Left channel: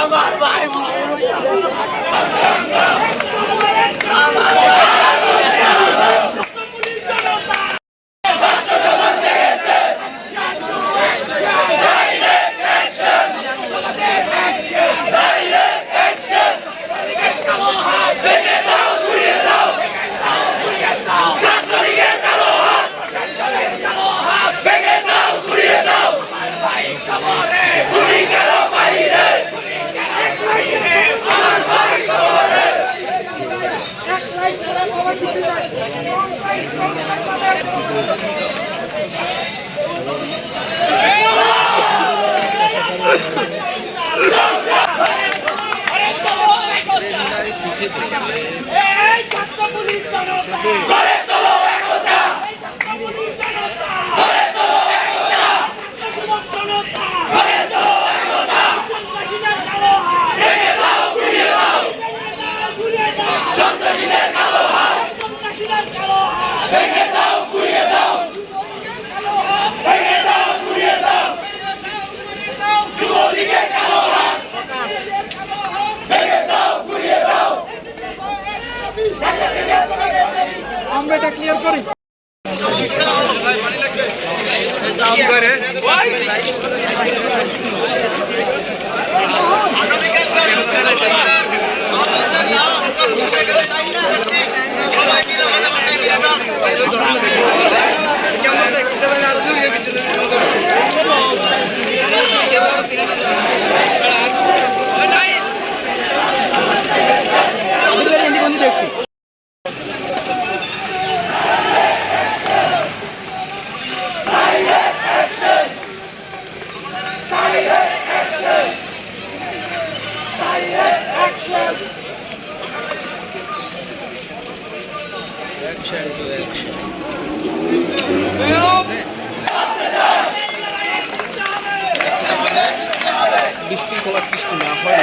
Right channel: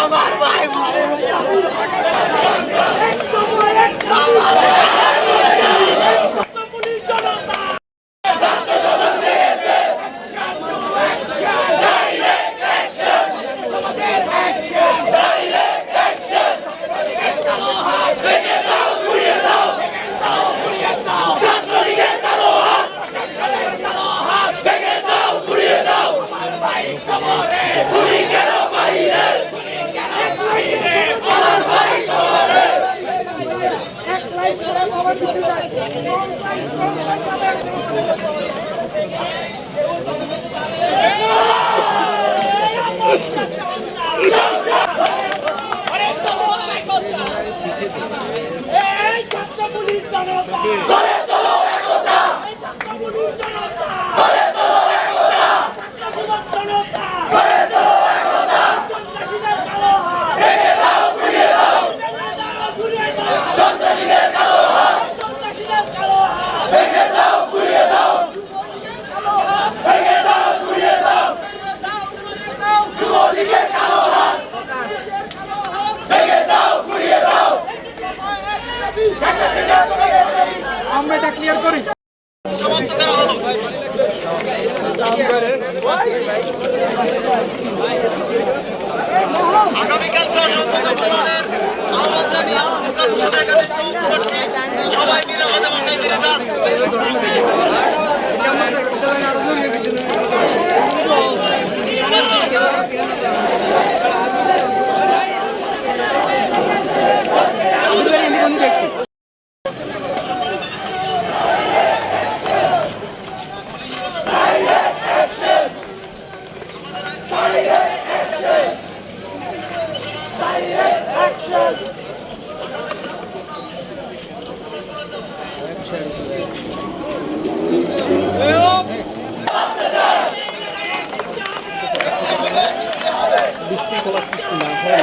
আমার ভাই আমরা এটা ক্লিয়ার করি বিশৃঙ্খলা সৃষ্টি না হয়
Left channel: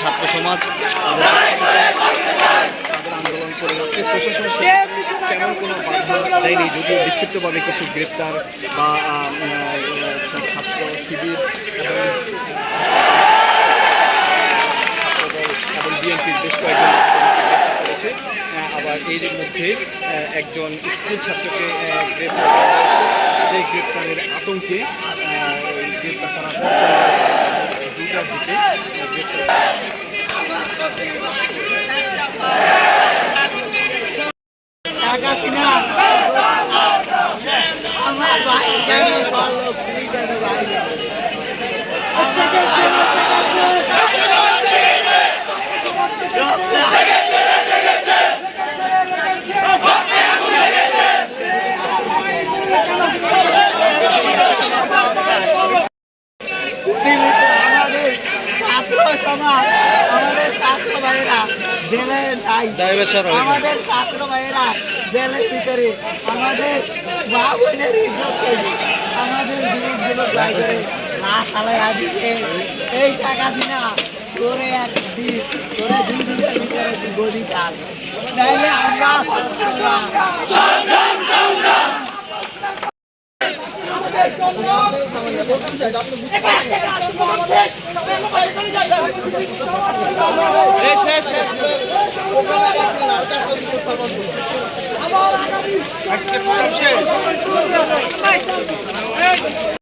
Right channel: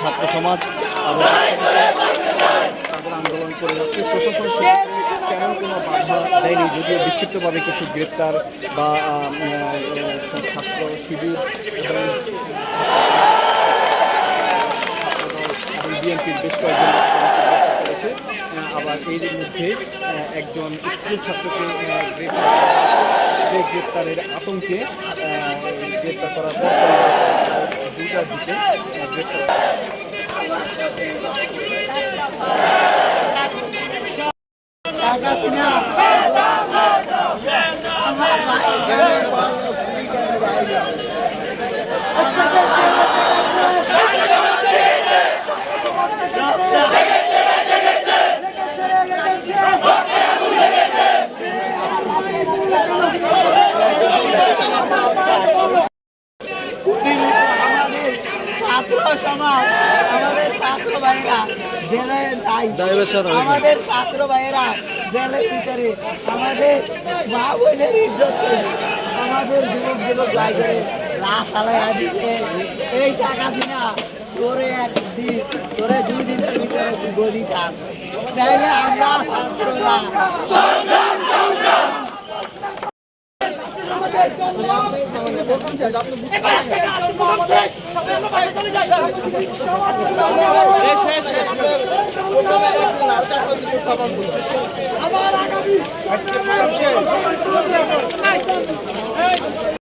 ছাত্র সমাজ আন্দোলন করে যাচ্ছে। প্রশাসন তেমন কোনো বাধা দেয়নি, যদিও বিক্ষিপ্তভাবে কিছু গ্রেপ্তার বা ছাত্র শিবির এবং বিএনপির বেশ কয়েকজন গ্রেপ্তার করেছে। আবার এর মধ্যে একজন স্কুল ছাত্রকে গ্রেপ্তার করা হয়েছে, যে গ্রেপ্তারের আতঙ্কে গ্রেপ্তার করার পর 2টার দিকে আমাদের ছাত্র ভাইয়েরা জেলের ভিতরে আমাদের মা বোনের ইজ্জতকে আমাদের যুবক ভাই করে রাস্তায় দিকে এই টাকা দিনা তোরে একদিন তোরে 2 দিনের ভিতরে গদি চান তাহলে আমরা ছাত্ররা